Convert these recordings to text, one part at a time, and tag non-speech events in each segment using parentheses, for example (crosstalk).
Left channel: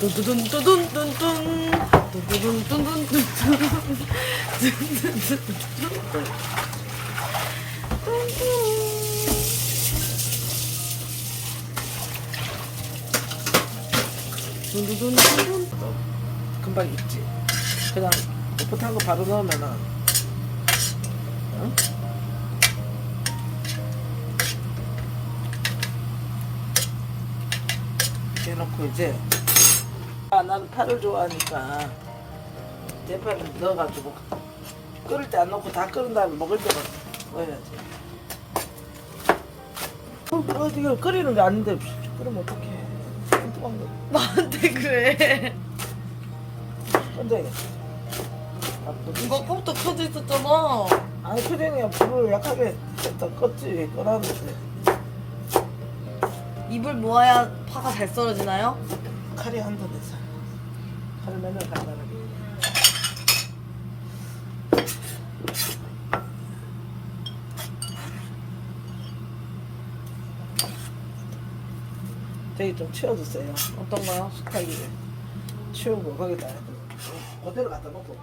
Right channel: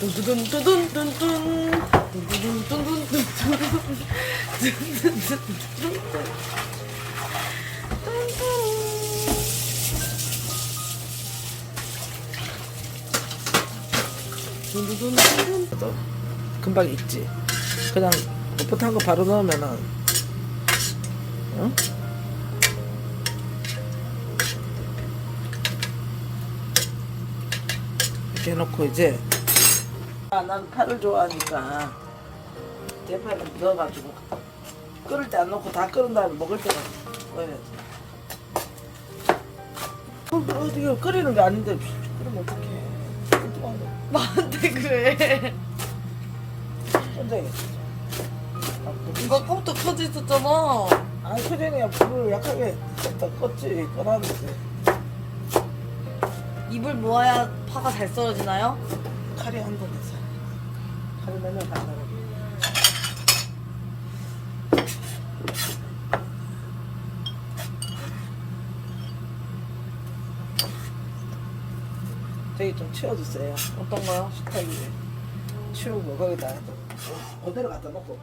뚠뚜둔 뚜둔 뚠뚠 뚠뚜둔 뚠뚠 뚠뚠 뚠뚜둔 뚠뚠 금방 익지 그냥 풋풋한 거 바로 넣으면은 응? 이렇게 해놓고 이제 아, 난 파를 좋아하니까 대파를 넣어가지고 끓을 때 안 넣고 다 끓은 다음에 먹을 때만 넣어야지 어, 지금 끓이는 게 아닌데 끓으면 어떡해. 거 나한테 그래. 혼자야지 이거 아까부터 켜져 있었잖아. 아니 표정이야 불을 약하게 했다. 껐지 꺼놨는데. 입을 모아야 파가 잘 썰어지나요? 칼이 한번 해서 내면 간다는 저기 좀 치워주세요 어떤 거요? 식탁이 치우고 거기다 좀 어디로 갖다 놓고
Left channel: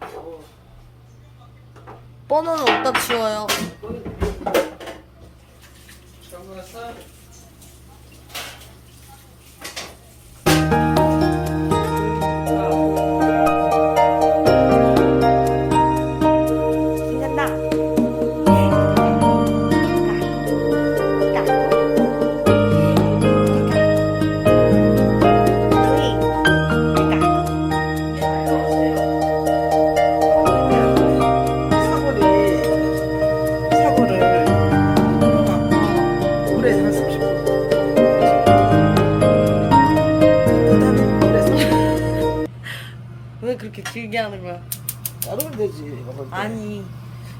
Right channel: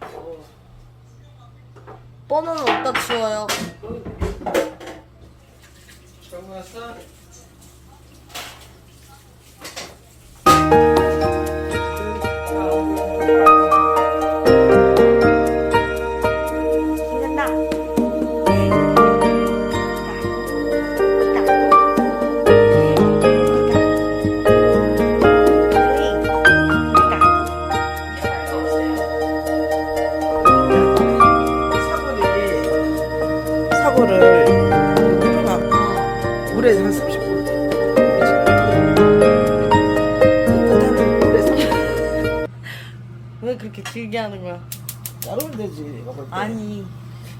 어, 버너는 어디다 치워요? 치우고 왔어? 왜 그렇게 길게 하는 거야? 자르면 되지 때. 아니,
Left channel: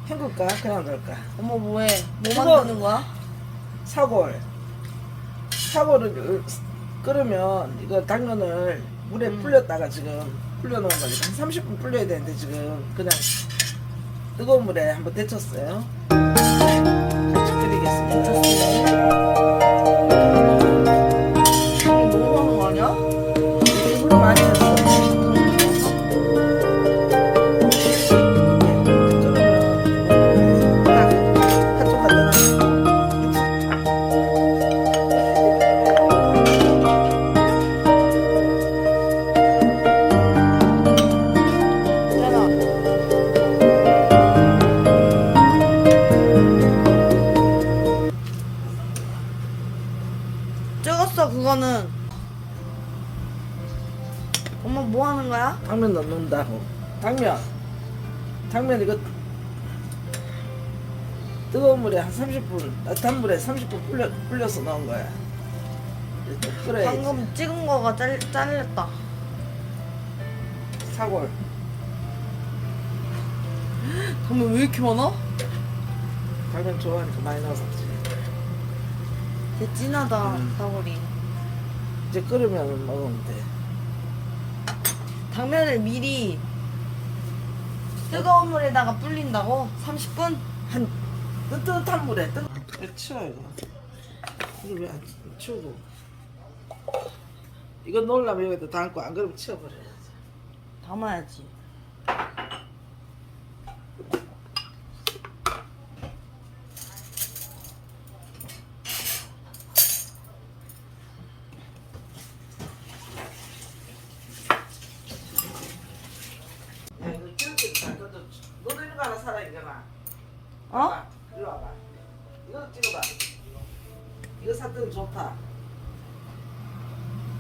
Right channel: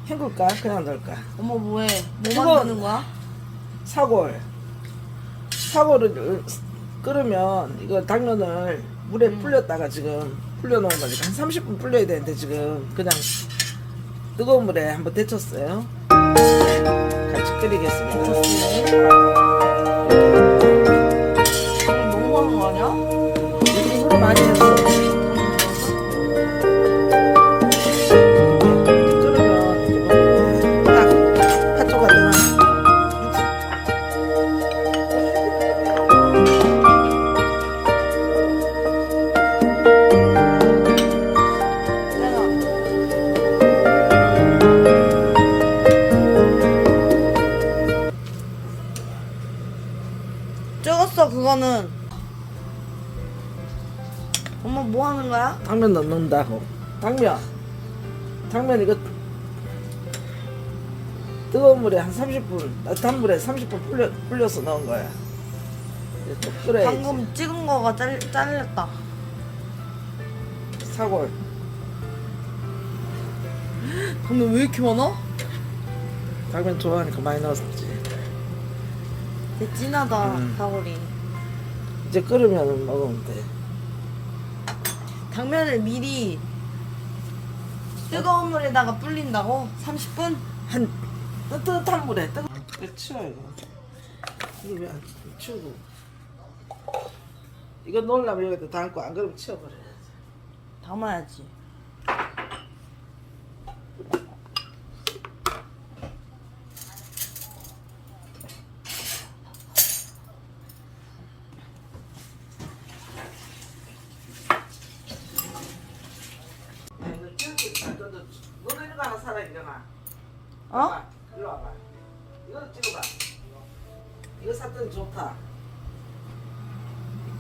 헹굴까 그냥 넣을까 엄마 뭐해? 뭐 그거- 만드는 거야? 사골 사골을 끓으면 이거 당면을 물에 음. 불렸다가 지금 불려놓은 거니까 한 30분 불려야 되는데 지금 그냥 뜨거운 물에 한번 데쳤어요 같이 끓이겠습니다 이거 당면 넣는다고. 당면. 당면 이거 뜨거운 물에 한 30분, 따뜻한 물에 30분 불려, 불려서 넣은 거야. 끓여야지. 방금 찍은 거가 잘, 잘렸다. 사골. (gasps) 당면 왜 이렇게 많아? 당면 좋아하니까 많이 넣었지. 되게 진하다 음. 사골이. 이제 끓으면 먹으면 돼. 당면을 미리 뜨거운 물에다가 불린다고? 30분? 한 뜨뜻한 물에 뜨거. 왜 치워 이거? 이거 왜안 치우고? 이거 넣으려면 여기다 담고 안 그러면 치워버려. 담아야지.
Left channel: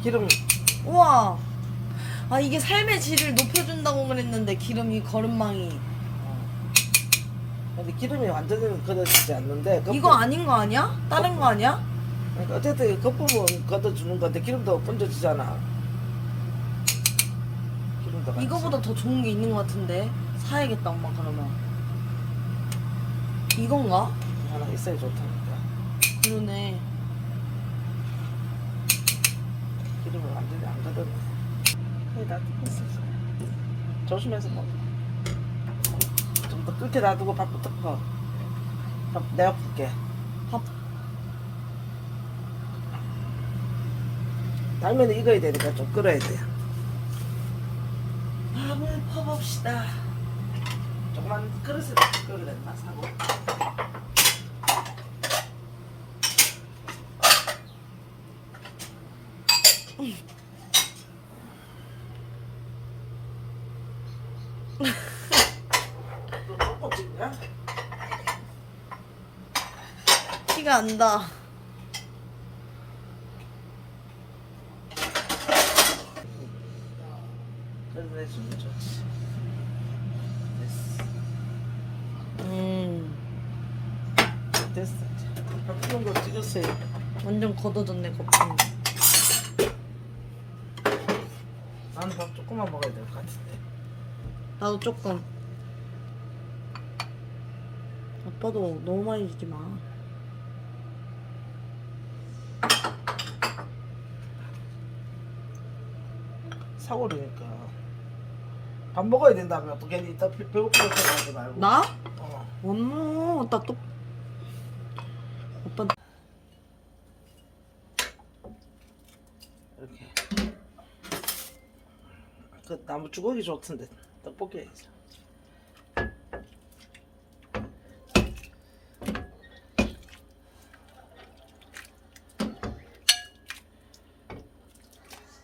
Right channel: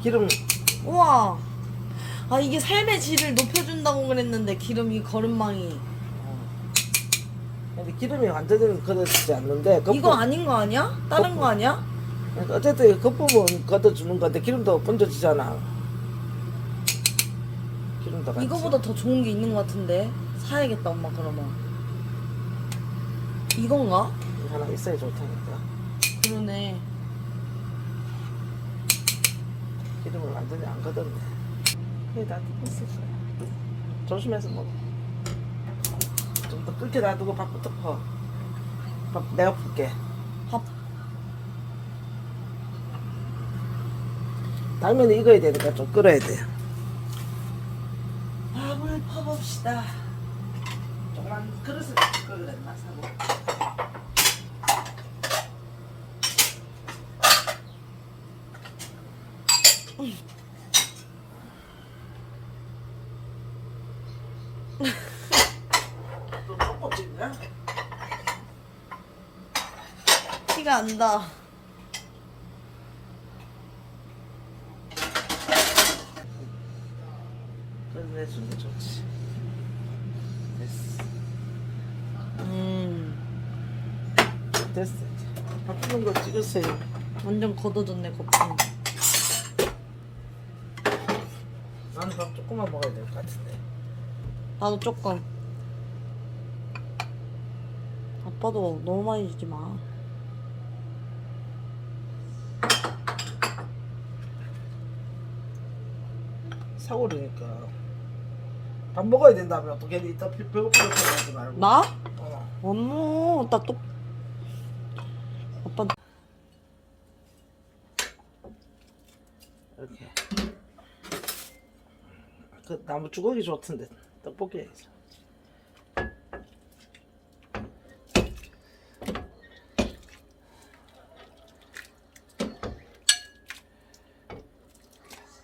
기름 우와. 아 이게 삶의 질을 높여준다고 그랬는데 기름이 거름망이. 근데 기름이 완전히 걷어지지 않는데 겉부- 이거 아닌 거 아니야? 다른 거 아니야? 그러니까 어쨌든 겉부분 걷어주는 건데 기름도 번져지잖아. 기름도 같이. 이거보다 더 좋은 게 있는 거 같은데 사야겠다 엄마 그러면. 이건가? 하나 있어야 좋다니까. 그러네. 기름을 완전히 안 걷었네. 거의 다 뜯었어. 조심해서 먹어. 좀 더 끓게 놔두고 밥부터 퍼. 밥 내가 풀게. 밥. 당면이 익어야 되니까 좀 끓어야 돼요. 밥을 퍼봅시다. 조금만 그릇에 끓을랬나 사고. 또 떡볶이냐? 티가 안다. 좋지. 됐어. 음, 됐어. 거 찍으세요. 완전 걷어졌네, 거품. 나는 밥 조금만 먹어야 될 것 같은데. 나도 조금. 아빠도 너무 많이 주지 마. 사고리니까. 밥 먹어야 된다며. 어떻게 이따 배- 배고프게 생각하지 말고. 나? 어. 어머, 나 또. 오빠, 이렇게. 그 나무 주걱이 좋던데. 떡볶이 해야지.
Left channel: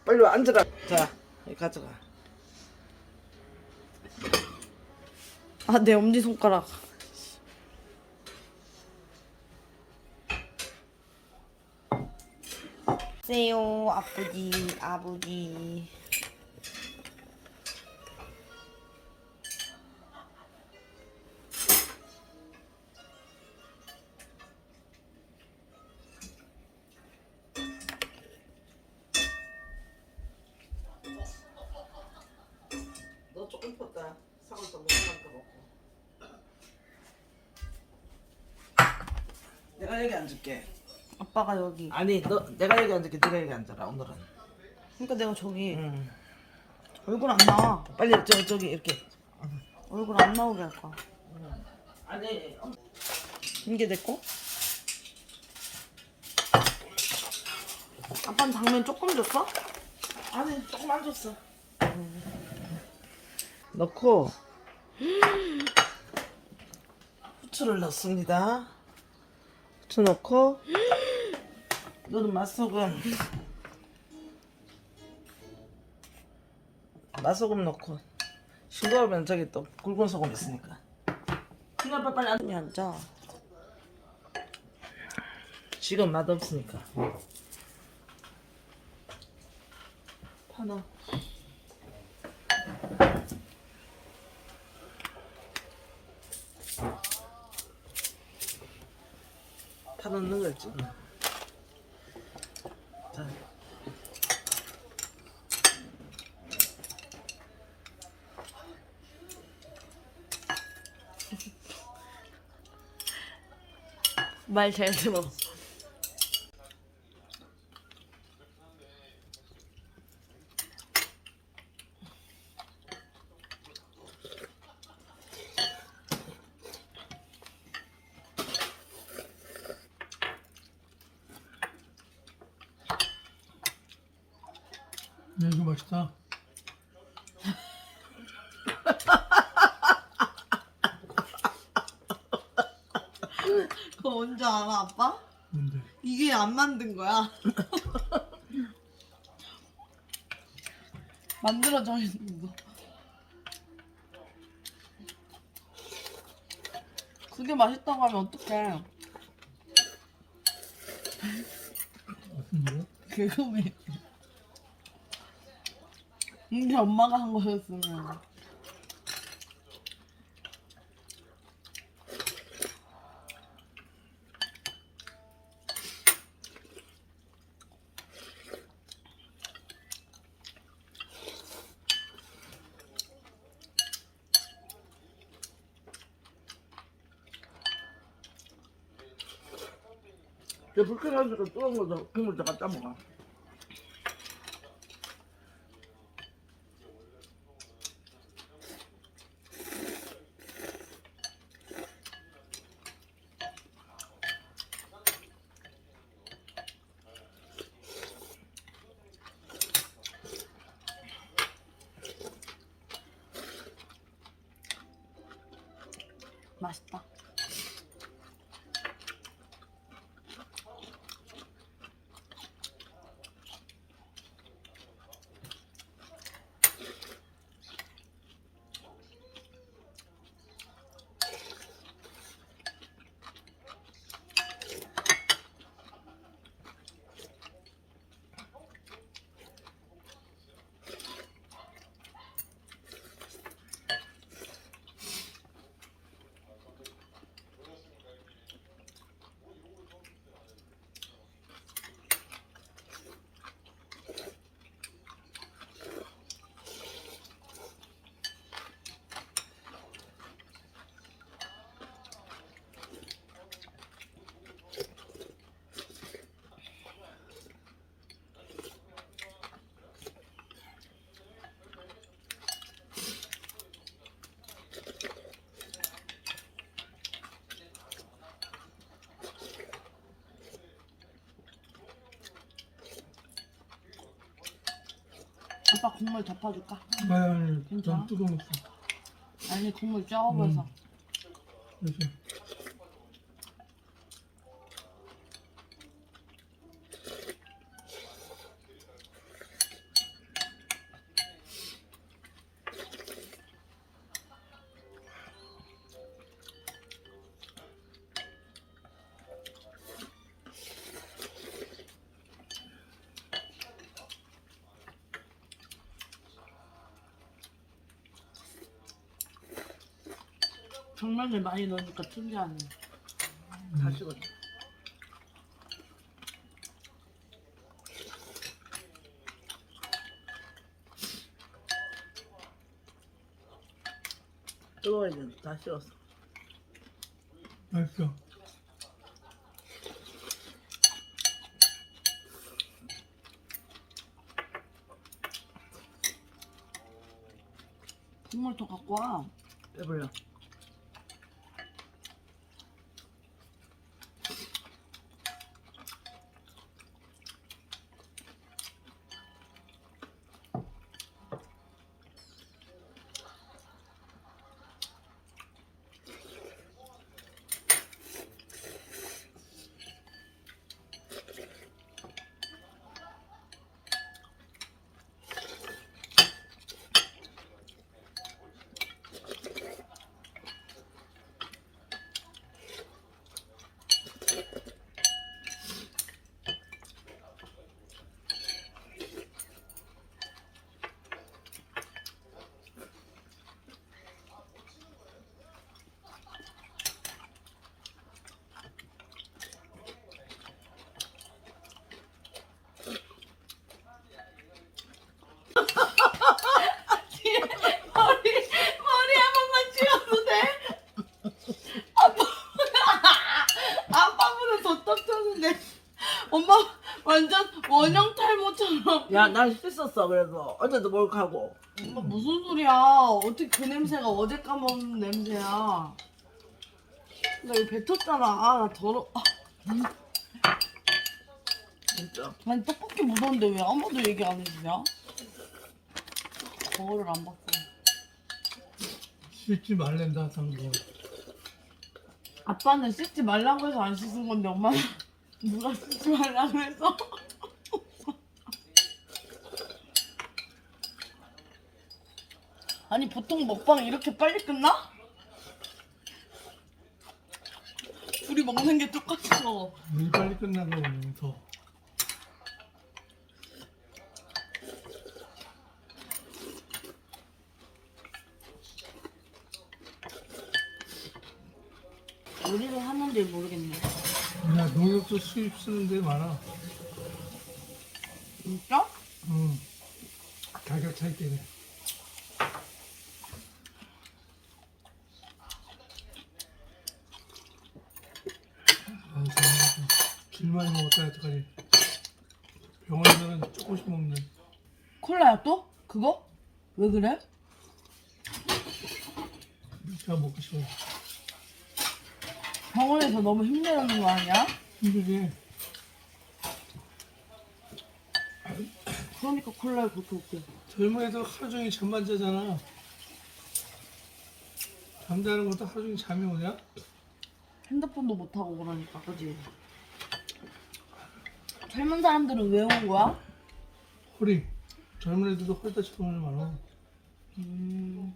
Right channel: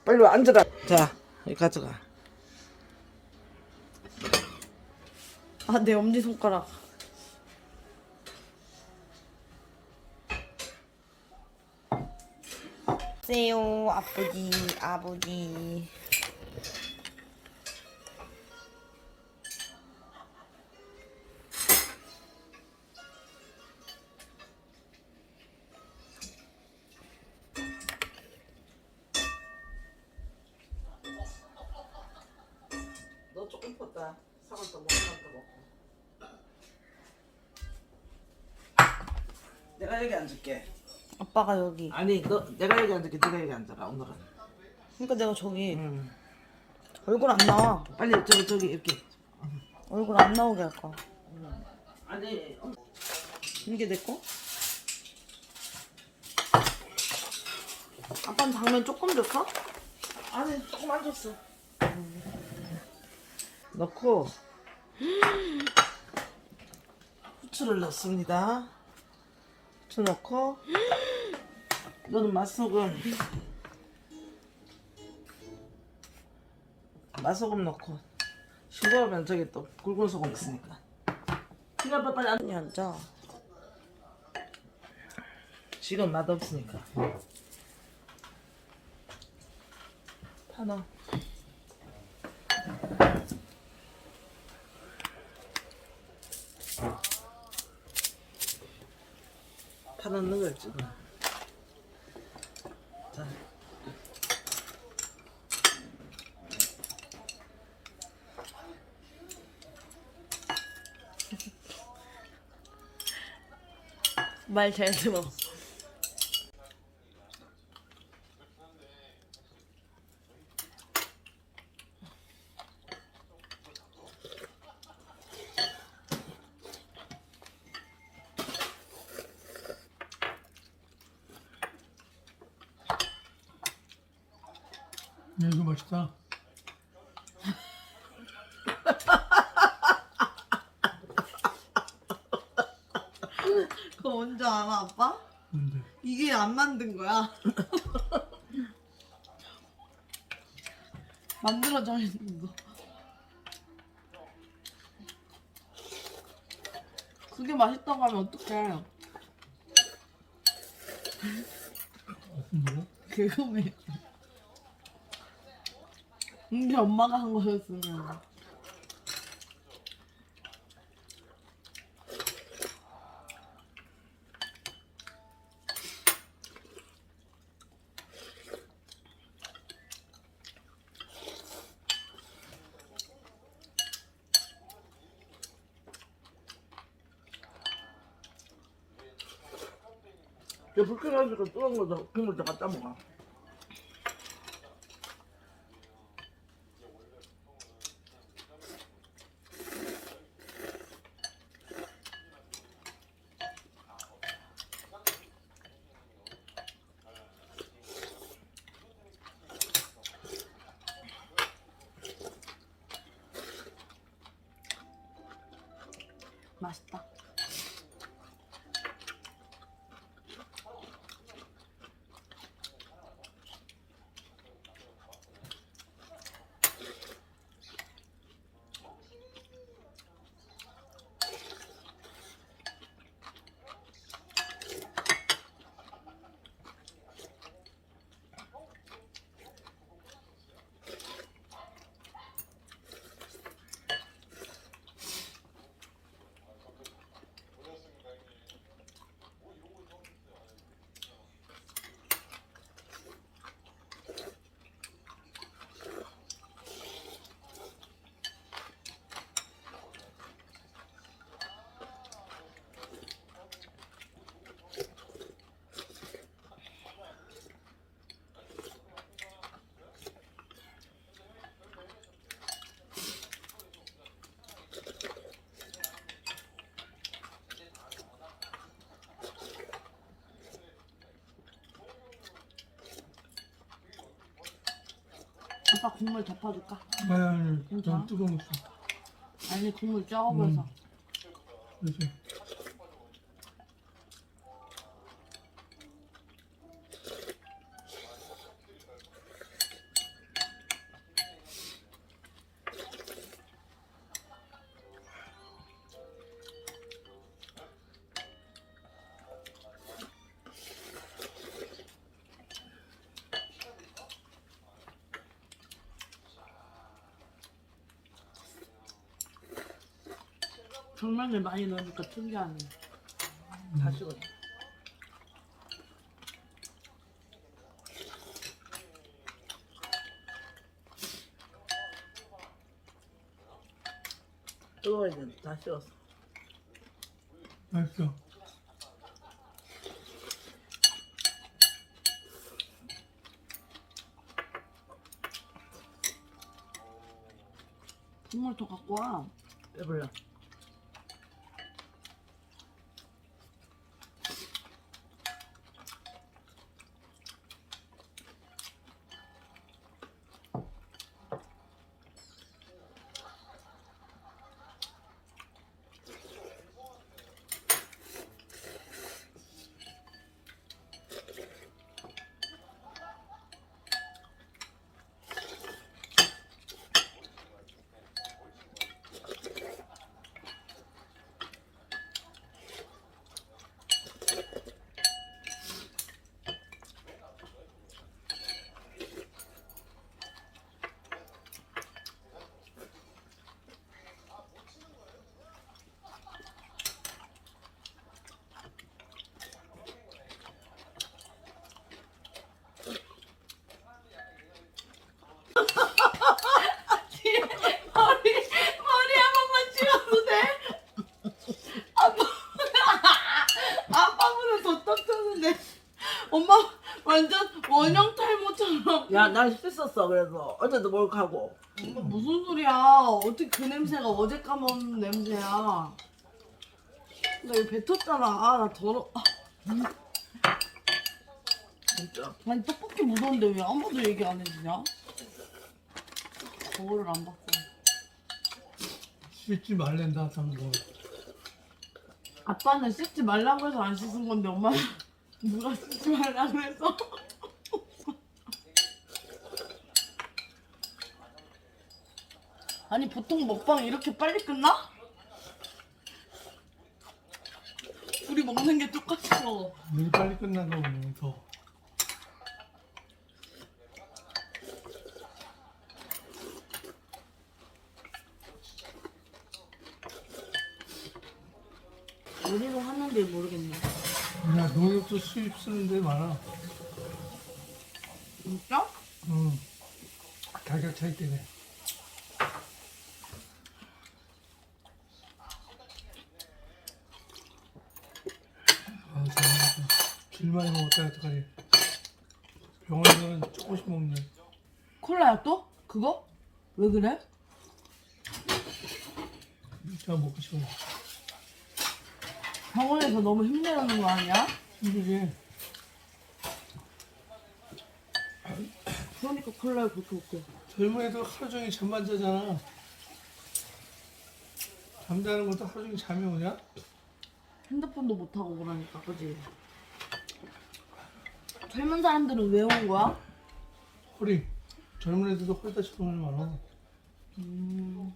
빨리 와, 앉아라. 자, 이 가져가. 아, 내 엄지손가락. 세요, 아버지, 아버지. 내가 여기 앉을게. 아빠가 여기. 아니, 너 내가 여기 앉을게. 네가 여기 앉아라. 오늘은. 그러니까 내가 저기 음. 얼굴 안 나와. 빨리 저 저기 이렇게. 얼굴 안 나오게 할 거야. 아니, 어, 이게 내 거? 아빠는 당면 조금 줬어? 아니 조금 안 줬어. 넣고 (gasps) 후추를 넣습니다. 후추 넣고 너는 맛소금 맛소금 넣고 싱거우면 저기 또 굵은 소금 있으니까. 시간 빨리 안. 아니 앉아. 지금 맛 없으니까. 다 넣어. 다 넣는 거 있지. 뭐. 자. 말 잘 들어. 맛있다. 그거 뭔지 알아, 아빠? 근데 이게 안 만든 거야. (laughs) 만들어져 있는 거. 그게 맛있다고 하면 어떡해. 뭐? 그거매. 근데 엄마가 한 거였으면. 저 불켜가지고 뜨거운 거도 국물 더 갖다 먹어. 맛있다. 오빠 국물 덮어줄까? 아니, 괜찮아? 좀 뜨거웠어. 아니 국물 적어 보여서. 그래서 장난을 많이 넣으니까 특이하네. 다 식었어. 뜨거워 이제 다 식었어. 맛있어. 국물 더 갖고 와. 배불러. 머리 머리 한 번만 치워도 돼? 아빠 아빠보다 더 떡쳤는데 엄마 완전 원형 탈모처럼. 야, 난 씻었어. 그래서 어제도 목욕하고. 엄마 무슨 소리야? 어떻게 그 냄새가 어제 까먹은 냄새야? 나 이거 뱉었잖아. 아, 나 더러. 아, 진짜. 아니 떡볶이 묻었는데 왜 아무도 얘기 안 해주냐? 거울을 안 봤어. 씻지 말랜다, 당근. 아빠는 씻지 말라고 해서 안 씻은 건데 엄마는 누가 씻지 말라고 해서 아니 보통 먹방 이렇게 빨리 끝나? 둘이 먹는 게 똑같어 일 빨리 끝나고 오면 더. 요리를 하는지 모르겠네 그냥 농협도 수입 쓰는 데 많아. 진짜? 응. 가격 차이 때문에. 아, 참, 줄만 먹었다 어떡하지. 병원에서는 조금씩 먹네. 콜라야 또? 그거? 왜 그래? 제가 먹고 싶어. 병원에서 너무 힘내는 거 아니야? 힘들게. 그러니까 콜라를 그렇게 먹게 젊은애도 하루 종일 잠만 자잖아. 잠자는 것도 하루 종일 잠이 오냐? 핸드폰도 못 하고 그러니까 그지? 젊은 사람들은 왜 온 거야? 허리 젊은 애들도 허리 다치는 경우 많아 음.